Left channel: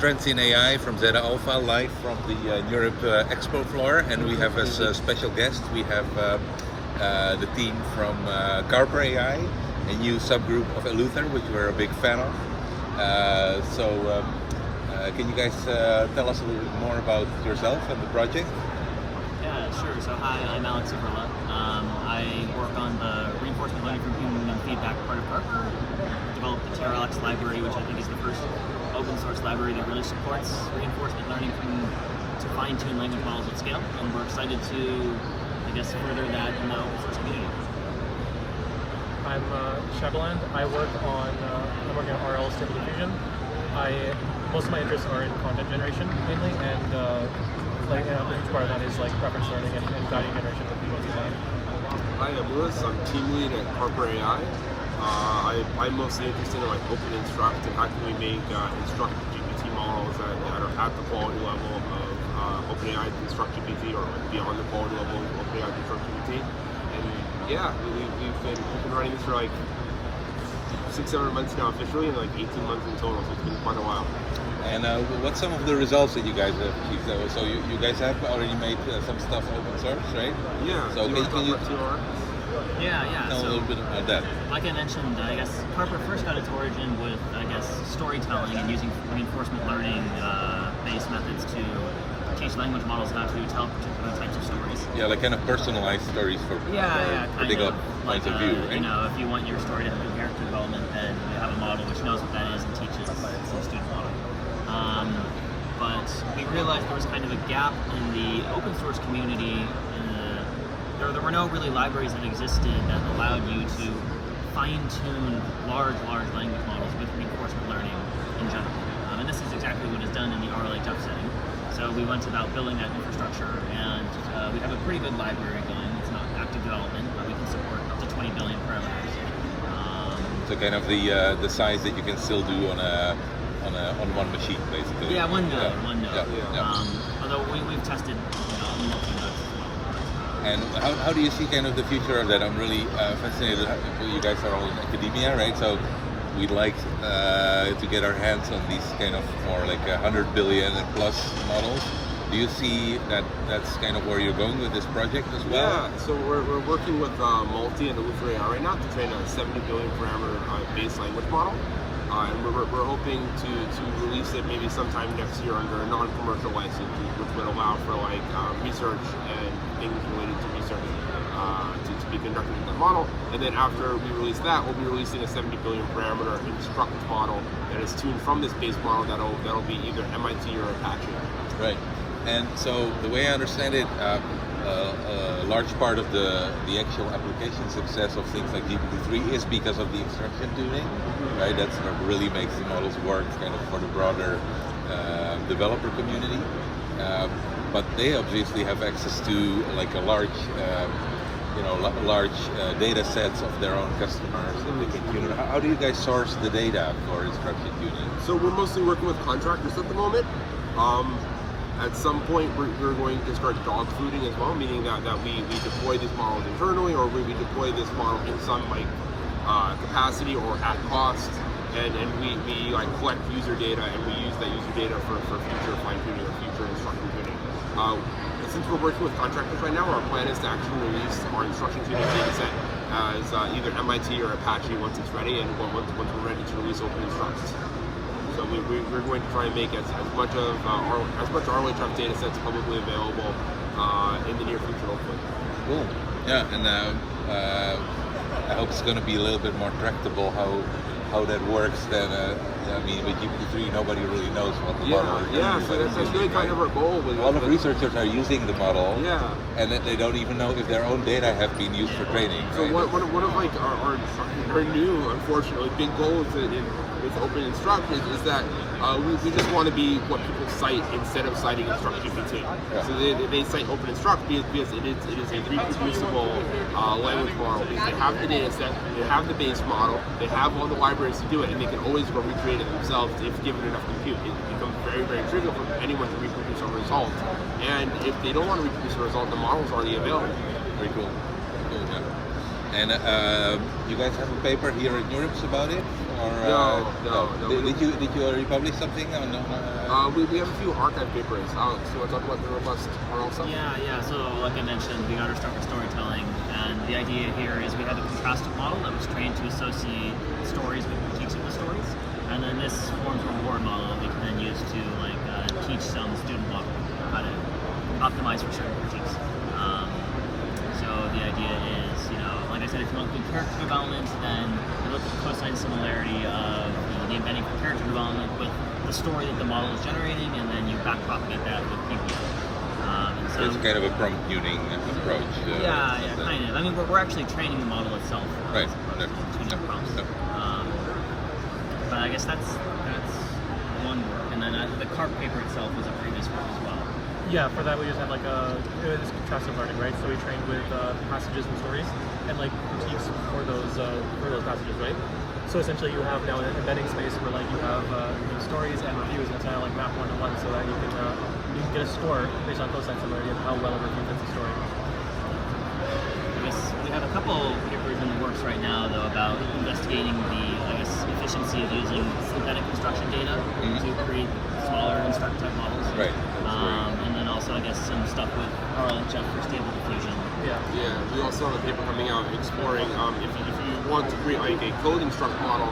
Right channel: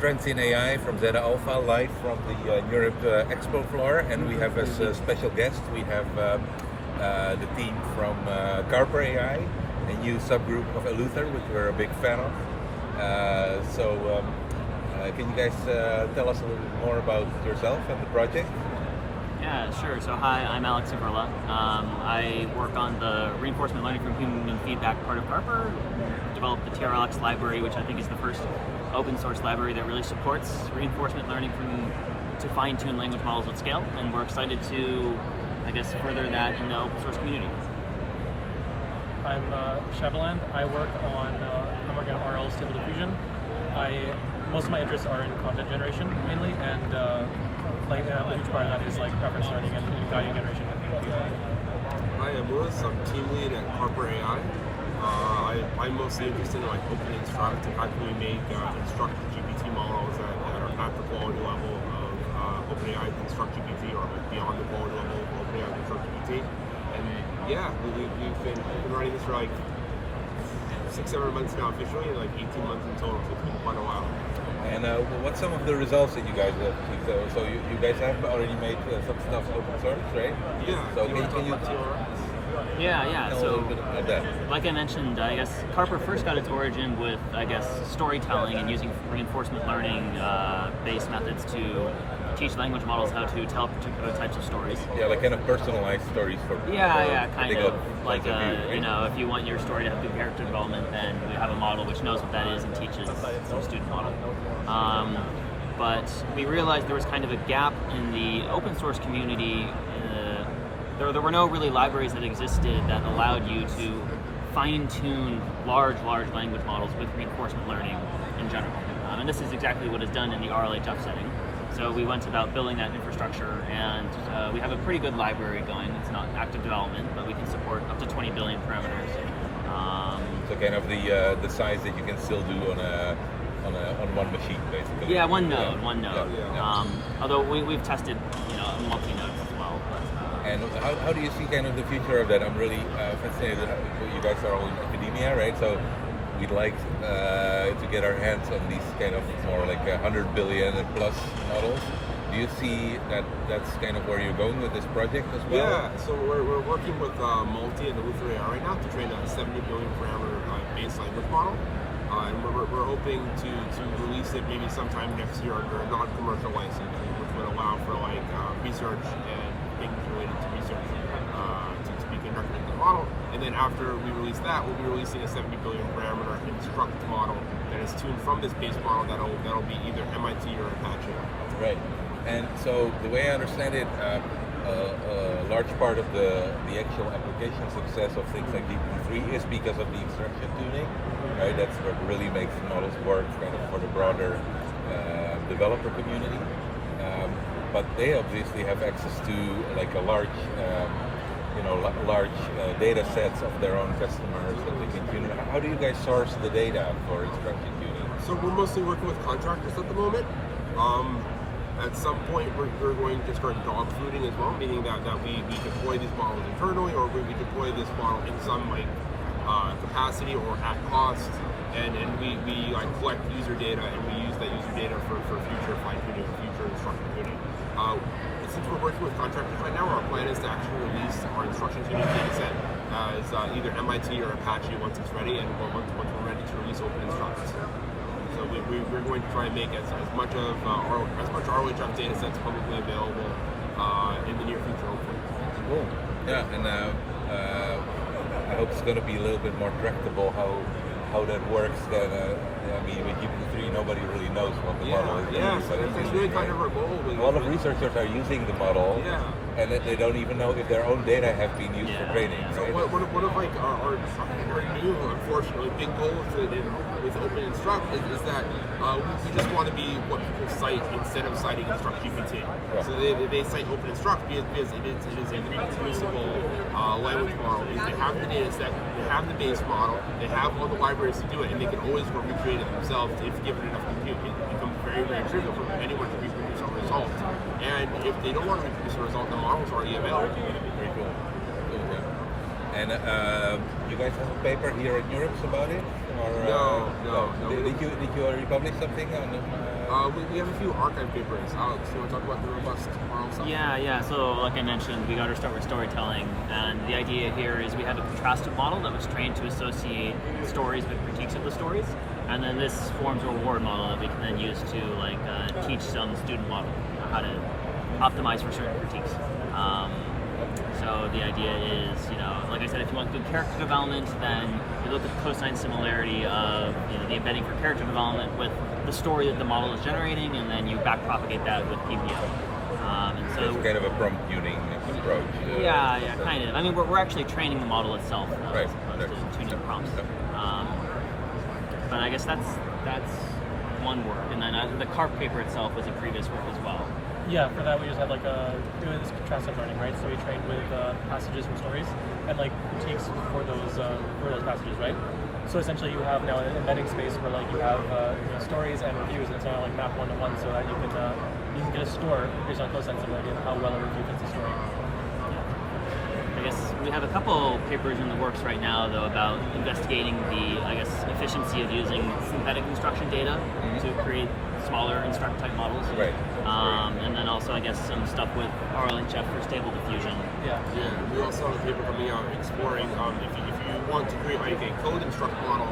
Trends in AI from Zeta Alpha, live from the NeurIPS Expo floor, and we have as a special guest, we have the team from CarperAI, a new subgroup of Eluther, which we're a big fan of. Can you guys tell us a little bit more about yourself and the project? Yeah, sure. So hi, I'm Alex Civarella. I work on the reinforcement learning from human feedback part of Carper. Developed the TRLX library, which I think is the first open source library that really supports reinforcement learning to fine-tune language models at scale. And we're excited to, I guess, further that in the open source community. I'm Shavaland. I'm working on RL Stable Diffusion. Most of my interests are in content generation mainly, and a huge part of that is like reference learning and value generation. Hi, I'm Lewis. I'm team lead at CarperAI. I'm mostly interested in like open instruct and how can we make InstructGPT models that are at the quality level of OpenAI's InstructGPT or beyond the quality level of OpenAI's InstructGPT. And yeah, we've been running this for like 6-7 months now officially, and like 18 months in total, so it's been quite a while. And what's some of the results that you guys have achieved? So you guys have already made some stuff open source, right? Yeah. So can you Yeah. tell a So, little bit about that? like I mentioned, I guess Carper first got its origin with, I guess, storytelling and using reinforcement learning based methods to teach language models how to tell particular types of stories. Yeah, like kind of personalized stories for Kind particular of points like of view, right? you know, if you want your story to have good character development, then we have a model which knows what that is and teaches the student model. But we realized there was kind of a gap in the open source community. There were no really libraries that existed that allowed you to fine-tune large language models with reinforcement learning in general. And this is exactly what is done in the RLHF setting. So we went about building that infrastructure, and we have a pretty good library going. It's not active development, but we can support up to 20 billion parameters. So kind of the size that you can still do on one machine, basically. Yeah, one node. Yeah. Although we've tested multi-nodes as well. And how do you see kind of the future of that? I'm really fascinated. You guys are all in academia, right? So we'd like to get our hands on these kind of more like 100 billion and plus models. Do you see that that's kind of where you're going with this project as well? Yeah, so we're working with Multi and ElutherAI right now to train a 70 billion parameter base language model. And we're hoping to release it maybe sometime next year under a non-commercial license, which would allow for like research and things related to research to be conducted in the model. And then after we release that, we'll be releasing a 70 billion parameter instruct model that is tuned from this base model that'll be either MIT or Apache. Right. And so the way I understand it, a large part of the actual application success of things like GPT-3 is because of the instruction tuning, right? That's what really makes the models work kind of for the broader developer community. But they obviously have access to like a large data sets of their own customers that they can tune. How do you guys source the data for instruction tuning? So we're mostly working with contractors at the moment. At some point, we're going to start dog fooding as well, meaning that we deploy these models internally, or we deploy this model in some like capacity or at cost, and we like collect user data, and we use that user data for future fine tuning or future instruction tuning. Since we're working with contractors right now, our plan is to actually release our instruction tuning data set as either MIT or Apache once it's ready, and once we're ready to release open instructions. So we're going to try and make as much RLHF data sets publicly available in the near future, hopefully. Cool. Yeah, and I hope it's going to be a little bit more tractable how that works. Then I mean, with GPT-3, nobody really knows what the model is. Yeah, so that's really kind of our goal. A lot of researchers are using the model, and they don't even know if their own data have been used for training. So right? one of like our new, unfortunately, big goals with Open Instruct is that we just want to be what people cite instead of citing InstructGPT. Yeah. So they cite Open Instruct because it is a reproducible language model. They have the data set, they have the base model, they have all the libraries to do it, and they can always go recreate it themselves if given enough compute. It becomes very, very trivial for anyone to reproduce a result. And if they don't want to reproduce a result, the model's already available. Very cool. And you guys have a paper here at NeurIPS about it? Or, No. Did you republish something? We have a few archive papers. Alex, you want to talk about the robust RL stuff? Yeah. So like I mentioned, we got to start with storytelling, and the idea here is we had a contrastive model that was trained to associate stories with critiques of the stories, and then this forms a reward model that we can then use to teach some student model how to optimize for certain critiques. So the idea is, like I said, if you want good character development, then you look at the cosine similarity of the embedding for character development with the story that the model is generating, and then you backpropagate that with people. So it's kind of a prompt tuning approach. Yeah, kind of. I mean, we're actually training the model itself. Right. Tuning prompts. But I guess that's one work, and then the CARP paper itself was a previous work as well. Yeah, for that we just had this contrastive learning, right? So we trained with passages from stories and critiques for those passages, right? So essentially, you have now an embedding space where you have stories and reviews, and it's kind of map one to one, so that you can get a score based on cosine similarity of how well a review fits the story. I guess we have a couple papers in the works right now, though, about investigating the efficiency of using synthetic instruction data to create smaller instructor type models. Right. And then also, some stuff with RLHF for stable diffusion. Yeah. We also have a paper coming out exploring if you want to create a code instruct model,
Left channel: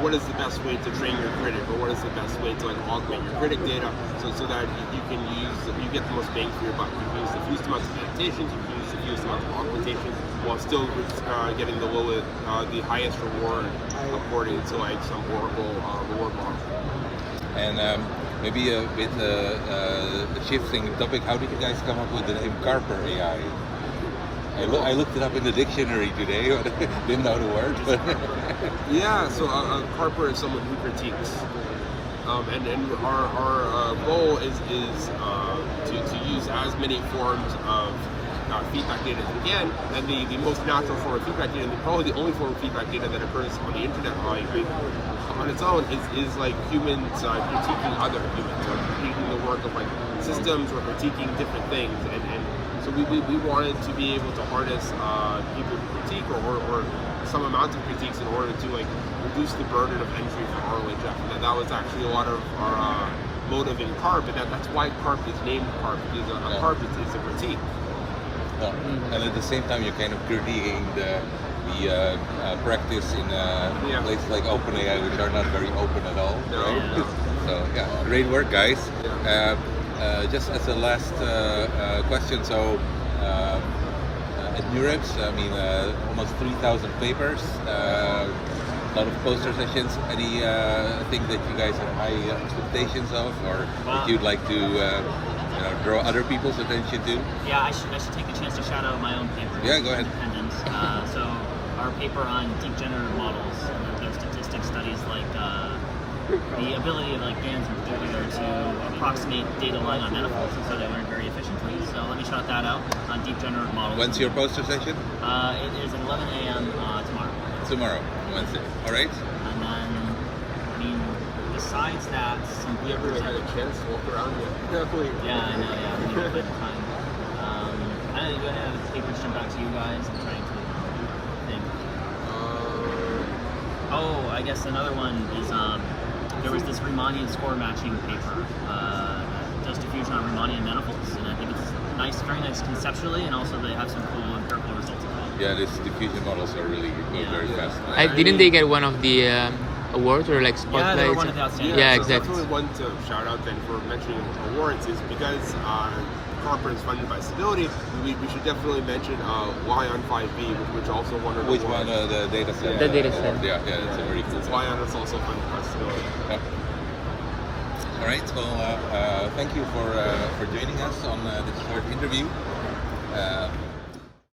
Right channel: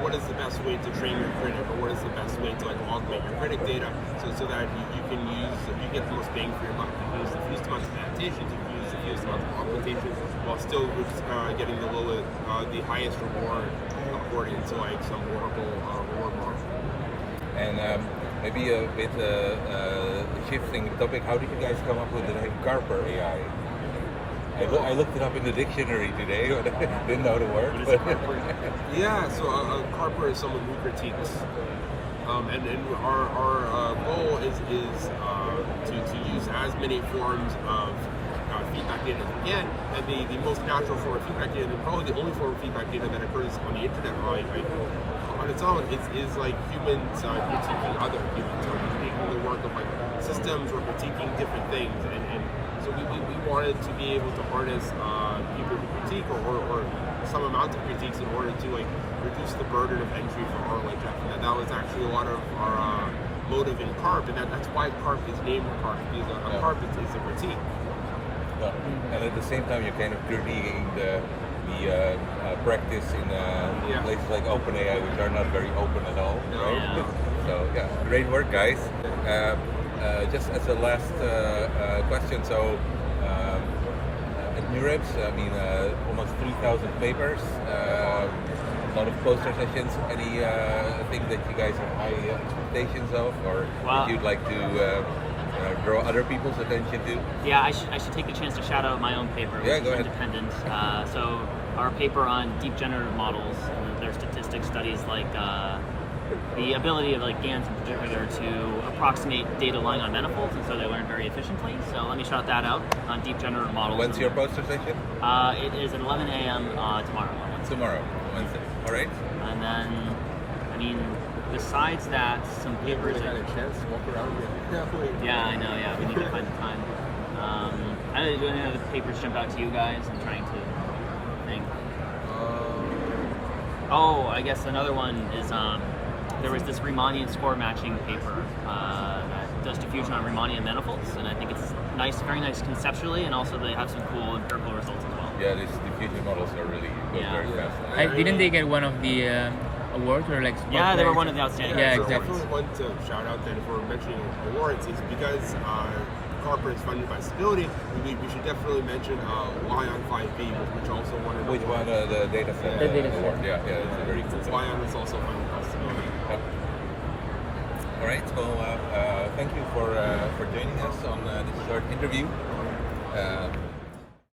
what is the best way to train your critic, or what is the best way to augment your critic data, so that you get the most bang for your buck. You use the fewest amounts of annotations, you use the fewest amounts of augmentation, while still getting the highest reward according to some Oracle reward model. And maybe a bit shifting topic, how did you guys come up with the name CarperAI? I looked it up in the dictionary today, but I didn't know the word. Yeah, so Carper is someone who critiques. And our goal is to use as many forms of feedback data as we can, and the most natural form of feedback data, and probably the only form of feedback data that occurs on the internet on its own is humans critiquing other humans, or critiquing the work of systems, or critiquing different things. And so we wanted to be able to harness people who critique or some amount of critiques in order to reduce the burden of entry for RLHF. And that was actually a lot of our motive in CARP, and that's why CARP is named CARP, because a CARP is a critique. Yeah. And at the same time, you're kind of critiquing the practice in places like OpenAI, which are not very open at all. No. Right? So great work, guys. Just as a last question, so at NeurIPS, almost 3,000 papers, a lot of poster sessions. Any thing that you guys have high expectations of, or that you'd like to draw other people's attention to? Yeah, I should take the chance to shout out my own paper. Yeah, go ahead. Independence. So our paper on deep generative models, their statistics studies the ability of GANs in particular to approximate data line on manifolds, and so they learn very efficiently. So let me shout that out on deep generative models. When's your poster session? It is at 11 a.m. Tomorrow. Tomorrow, Wednesday. All right. And then, besides that, some papers. Had a chance to walk around carefully. Yeah, I know. Yeah, we need to find the time. I didn't do any other papers jump out to you guys. I'm trying to think. I guess another one is there was this Riemannian score matching paper that does diffusion on Riemannian manifolds, and I think it's nice, very nice conceptually, and also they have some cool empirical results as well. Yeah, these diffusion models are really good, very fast. Didn't they get one of the awards or spotlights? Yeah, they were one of the outstanding. Yeah, So exactly. definitely one to shout out then for mentioning awards is because Carper is funded by Stability. We should definitely mention Y on 5B, which also won an Which award. one? The data set. The data set. Yeah, it's a very cool. It's Y on that's also funded by Stability. All right. Well, thank you for joining us on this short interview.